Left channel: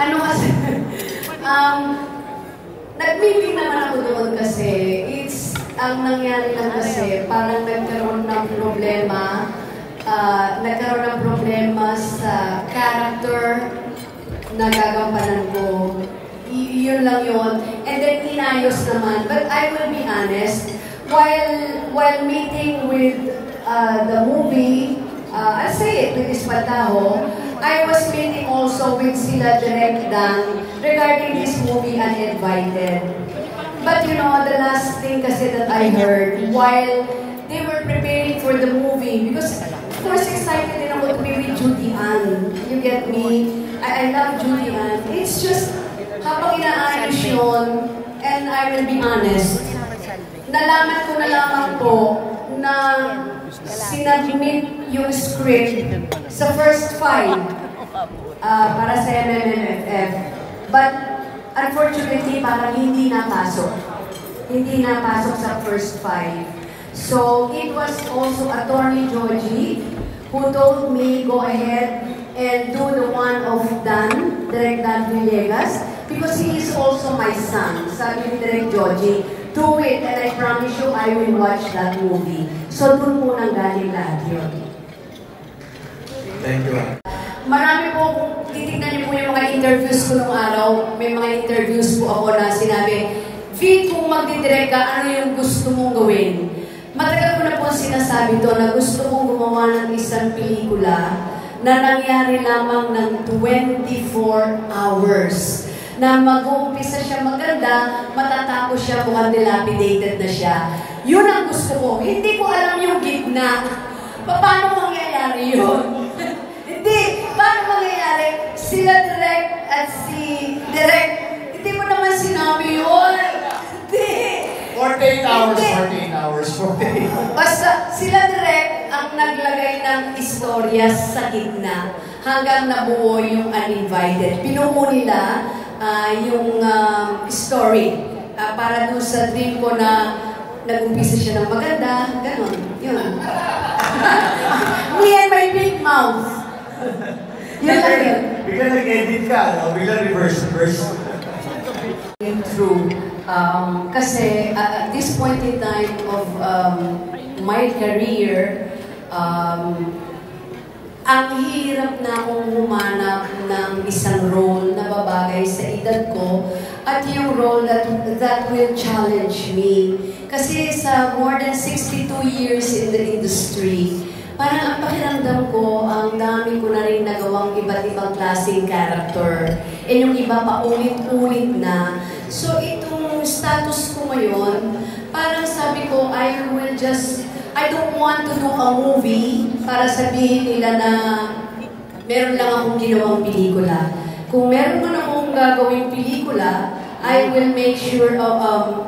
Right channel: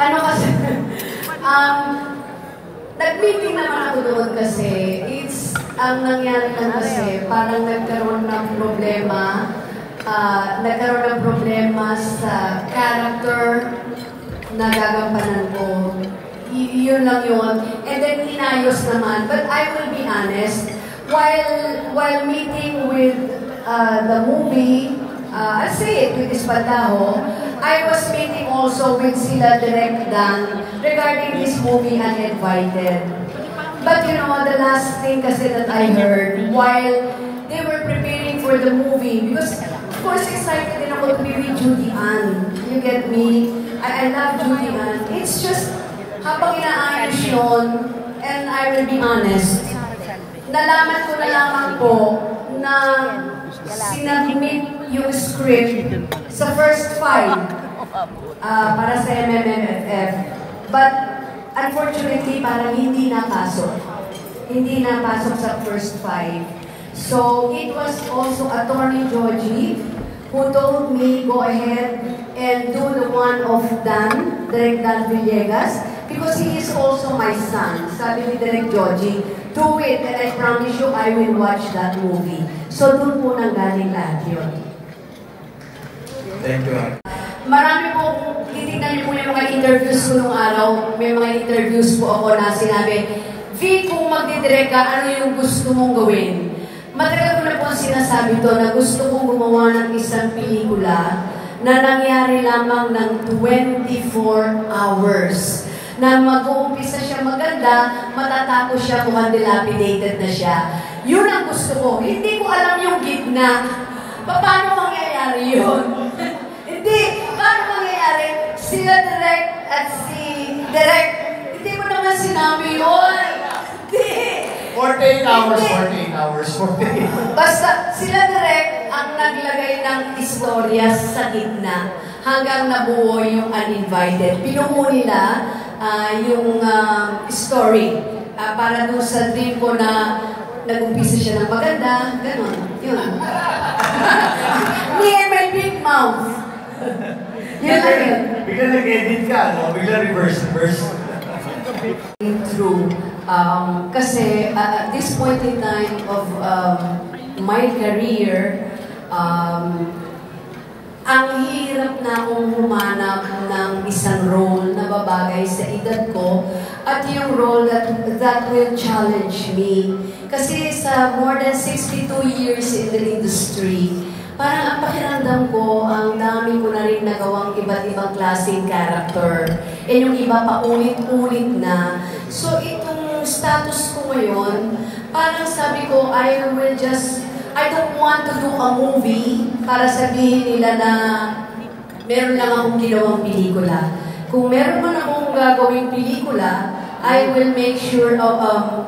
Ano kasi, nag-meeting naman ako doon kasi, ang nangyari lang kasi, parang nagkaroon ng problema sa character na gagampanan ko. Yun lang yun. And then, inayos naman. But I will be honest, while meeting with the movie, I'll say it with Espantajo, I was meeting also with sila Direk Dan regarding this movie, Uninvited. But you know, the last thing kasi that I heard while they were preparing for the movie, because of course excited din ako to be with Judy Ann. You get me? I love Judy Ann. It's just, habang inaayos yun, and I will be honest, nalaman ko na lamang po na sinabmit yung script sa first 5 para sa MMFF. But unfortunately, parang hindi napasok. Hindi napasok sa first 5. So it was also Attorney Georgie who told me, go ahead and do the one of Dan, Direk Dan Villegas, because he is also my son. Sabi ni Direk Georgie, do it, and I promise you, I will watch that movie. So, doon po nanggaling lahat yun. Thank you. Marami po, titignan niyo po yung mga interviews ko nung araw. May mga interviews po ako na sinabi, V, kung magdidirect ka, ano yung gusto mong gawin? Matagal ko na po sinasabi to na gusto kong gumawa ng isang pelikula na nangyari lamang ng 24 hours. Na mag-uumpisa siya maganda, matatapos siya kung dilapidated na siya. Yun ang gusto ko. Hindi ko alam yung gitna. Paano mangyayari yun? Hindi. Paano mangyayari? Sila Direk at si Direk, hindi mo naman sinabi yun. Hindi. 48 hours, 48 hours, 48. Basta sila Direk ang naglagay ng istorya sa gitna hanggang nabuo yung Uninvited. Pinuho nila yung story para doon sa dream ko na nag-umpisa siya ng maganda, gano'n, yun. Me and my big mouth. Yun lang yun. Bigla nag-edit ka, no? Bigla reverse. True. Kasi at this point in time of my career, ang hirap na akong humanap ng isang role na babagay sa edad ko at yung role that will challenge me. Kasi sa more than 62 years in the industry, parang ang pakiramdam ko, ang dami ko na rin nagawang iba't ibang klaseng character. E yung iba pa ulit-ulit na. So itong status ko ngayon, parang sabi ko, I don't want to do a movie para sabihin nila na meron lang akong ginawang pelikula. Kung meron mo na akong gagawing pelikula, I will make sure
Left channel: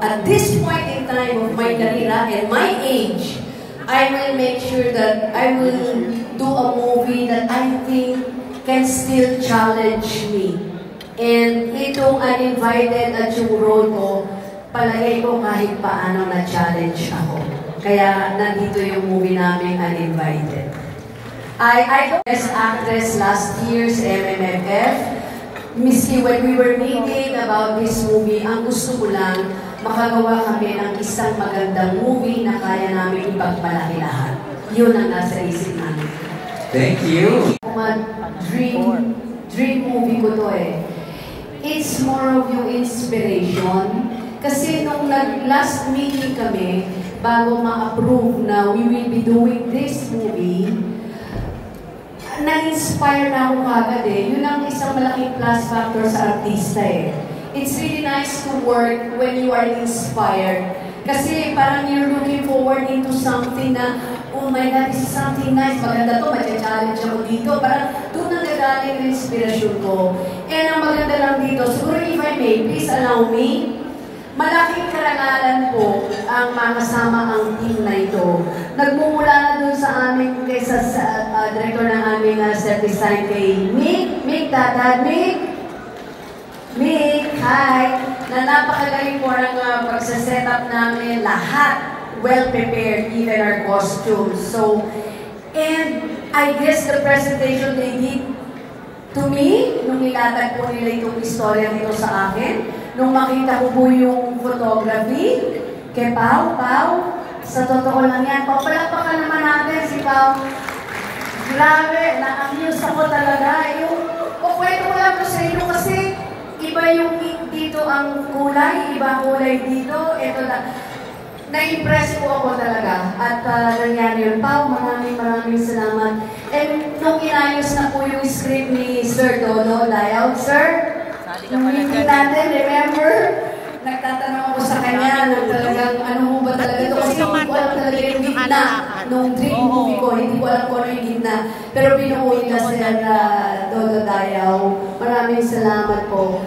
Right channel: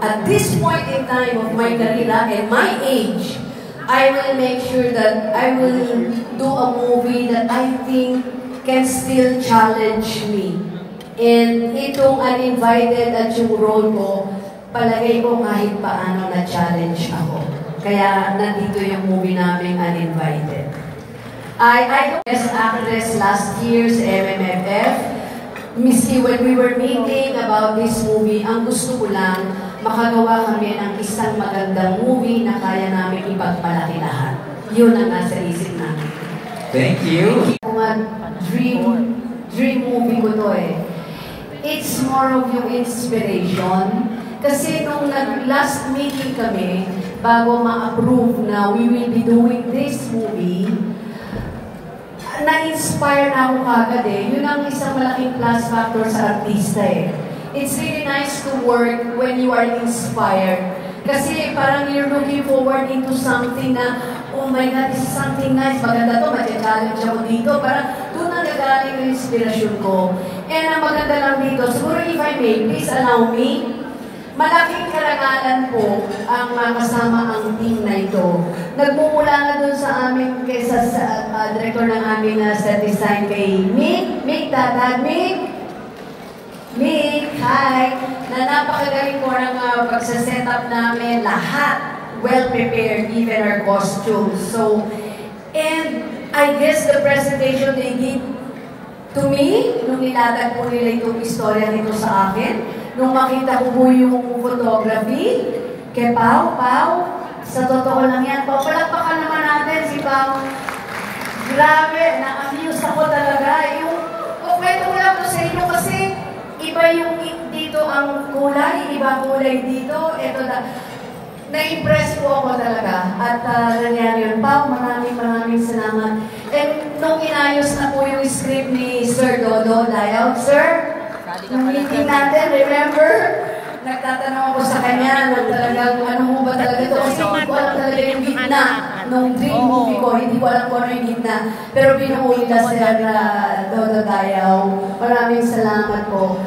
at this point in time of my career and my age, I will make sure that I will do a movie that I think can still challenge me. And itong Uninvited at yung role ko, palagay ko kahit paano na-challenge ako. Kaya nandito yung movie namin, Uninvited. I got Best Actress last year sa MMFF. Miski when we were meeting about this movie, ang gusto ko lang, makagawa kami ng isang magandang movie na kaya namin ipagpalaki lahat. Yun ang nasa isip namin. Thank you. Dream movie ko to eh. It's more of yung inspiration. Kasi nung last meeting kami, bago ma-approve na we will be doing this movie, na-inspire na ako kagad eh. Yun ang isang malaking plus factor sa artista eh. It's really nice to work when you are inspired. Kasi parang you're looking forward into something na, oh my God, this is something nice, maganda to, mag-challenge ako dito. Parang doon nagagaling ang inspirasyon ko. And ang maganda lang dito, siguro if I may, please allow me, malaking karangalan po ang makasama ang team na ito. Nagmumula na doon sa amin, kaysa sa director ng aming set design kay Mick, Tatad, Mick, hi! Na napakagaling po ang pagsaset-up namin, lahat well-prepared, even our costumes. So, and I guess the presentation they did to me, nung nilatag po nila itong istorya dito sa akin, nung makita ko po yung photography, kay Pao, sa totoo lang yan, Pao, palakpakan naman natin si Pao. Grabe, na-amuse ako talaga. Kwento ko lang po sa inyo kasi iba yung dito ang kulay, iba ang kulay dito. Ito na. Na-impress po ako talaga at nangyari yun. Pao, maraming salamat. And nung inayos na po yung script ni Sir Dodo Layout, Sir, nung meeting natin, remember? Nagtatanong ako sa kanya, ano mo ba talaga ito? Kasi hindi ko alam talaga yung gitna nung dream movie ko. Hindi ko alam kung ano yung gitna. Pero binuo nila Sir Dodo Layout. Maraming salamat po.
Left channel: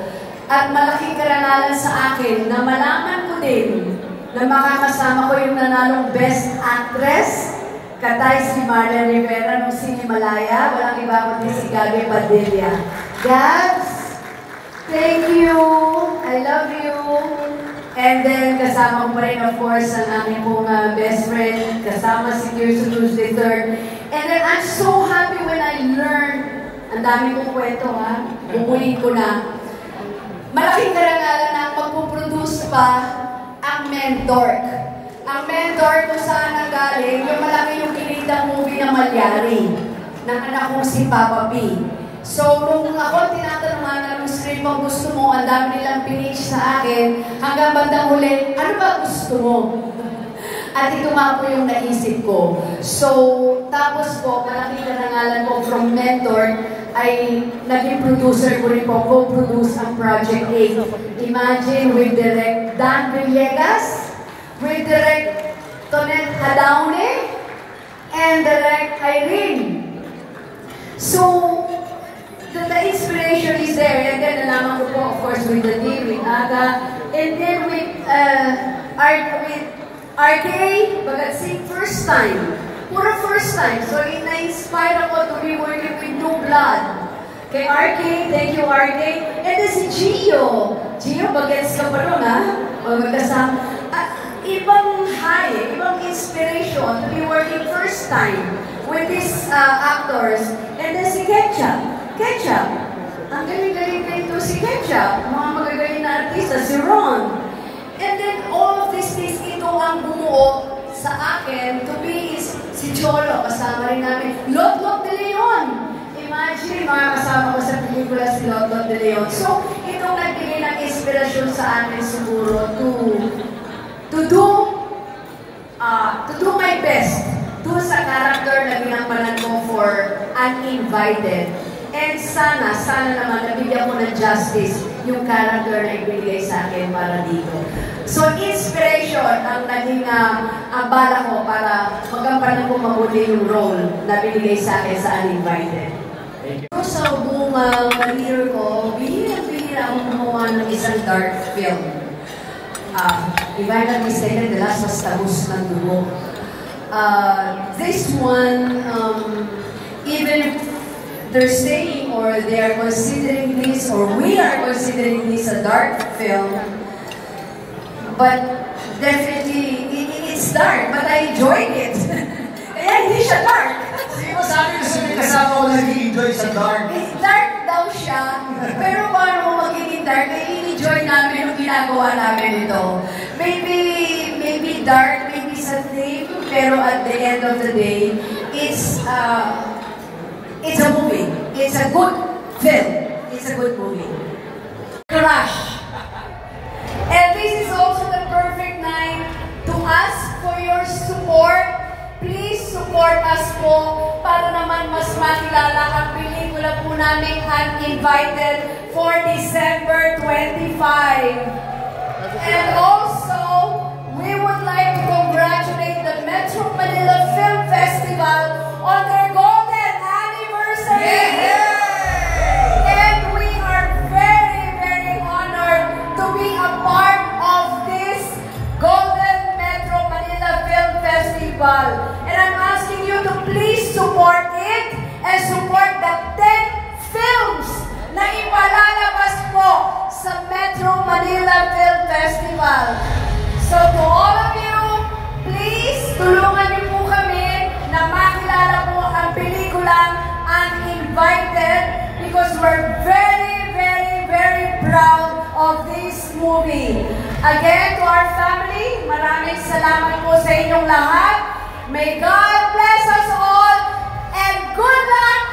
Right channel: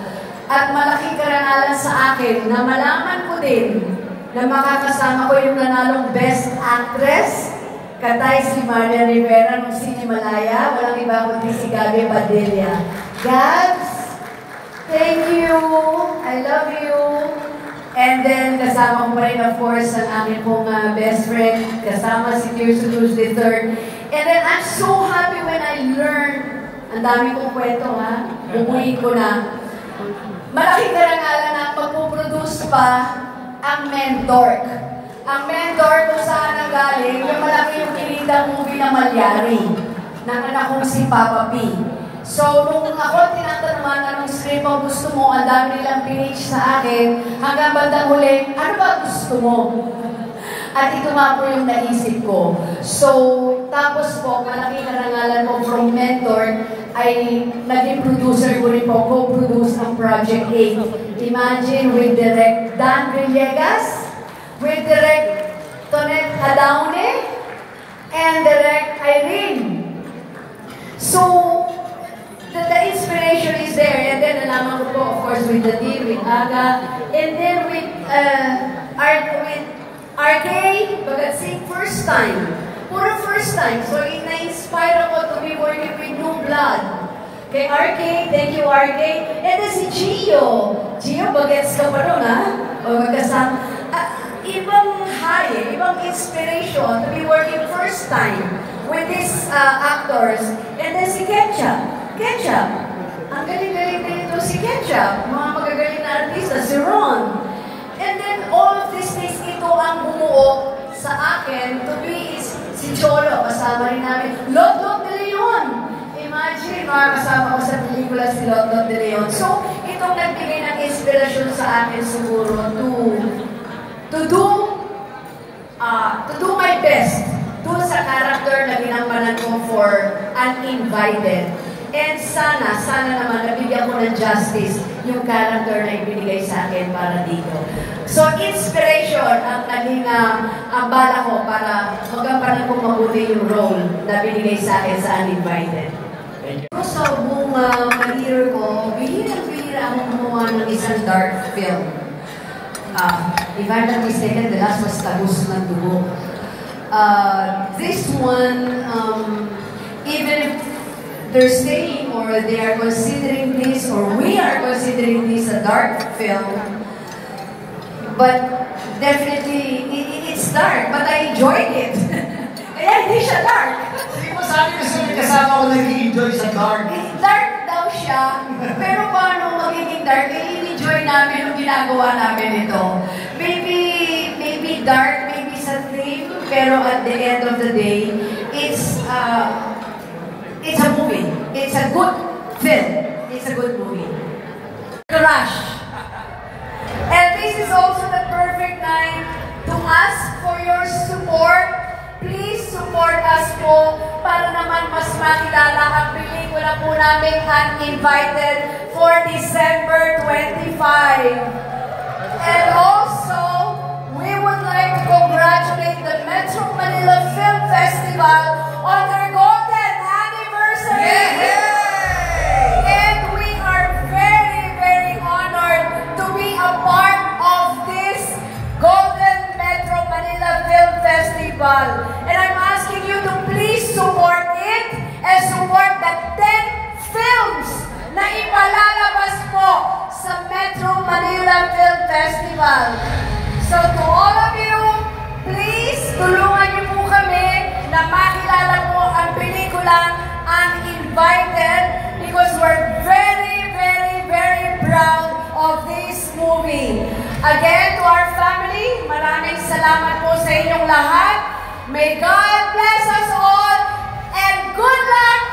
At malaking karangalan sa akin na malaman ko din na makakasama ko yung nanalong Best Actress, katay si Marla Rivera nung Sinimalaya. Walang iba kundi si Gabi Padilla. Gabs, thank you. I love you. And then, kasama ko pa rin, of course, ang aming pong best friend. Kasama si Kirsten Cruz III. And then, I'm so happy when I learned, ang dami kong kwento, ha? Bubuhin ko na. Malaking karangalan na magpuproduce pa ang Mentor. Ang Mentor kung saan ang galing, yung malaki yung kinitang movie na Malyari ng anak kong si Papa P. So, nung ako tinatanungan ng script ang gusto mo, ang dami nilang pinage sa akin, hanggang bandang huli, ano ba gusto mo? At ito nga po yung naisip ko. So, tapos po, malaking karangalan po from Mentor, ay naging producer ko rin po, co-produce ang Project 8. Imagine with Direct Dan Villegas, with Direct Tonet Hadaune, and Direct Irene. So, the inspiration is there. And then, nalaman ko po, of course, with the team, with Aga, and then with RK, Bagatsing, first time. Puro first time. So, na-inspire ako to be working with New Blood. Kay RK, thank you RK. And then si Gio. Gio, bagets ka pa rin, ha? O magkasama. Ibang high, ibang inspiration to be working first time with these actors. And then si Ketchup. Ang galing-galing na ito si Ketchup. Mga magagaling na artista, si Ron. And then all of these things, ito ang bumuo sa akin to be si Cholo, kasama rin namin. Lot de Leon. Imagine, mga kasama ko sa pelikula si Lot de Leon. So, itong nagbigay ng inspirasyon sa akin siguro to do my best doon sa character na ginampanan ko for Uninvited. And sana naman nabigyan ko ng justice yung character na ibinigay sa akin para dito. So, inspiration ang naging bala ko para magampanan ko mabuti yung role na binigay sa akin sa Uninvited. So, buong career ko, bihirang-bihira akong gumawa ng isang dark film. If I'm not mistaken, the last was Tagus ng Dugo. This one, even if they're saying or they are considering this or we are considering this a dark film, but definitely it's dark, but I enjoyed it. Kaya hindi siya dark. Sabi ko sa kasama ko nag-enjoy sa dark. Dark daw siya, pero paano magiging dark? I-enjoy namin yung ginagawa namin ito. Maybe dark, maybe sa theme, pero at the end of the day, it's a movie. It's a good film. It's a good movie. Rush. And this is also the perfect night to ask for your support. Please support us po para naman mas makilala ang pelikula po namin Uninvited for December 25. And also, we would like to congratulate the Metro Manila Film Festival on their golden anniversary. And we are very, very honored to be a part of this Golden Metro Manila Film Festival. And I'm asking you to please support it and support the 10 films na ipalalabas po sa Metro Manila Film Festival. So to all of you, please tulungan niyo po kami na makilala po ang pelikulang Uninvited because we're movie. Again, to our family, maraming salamat po sa inyong lahat. May God bless us all and good luck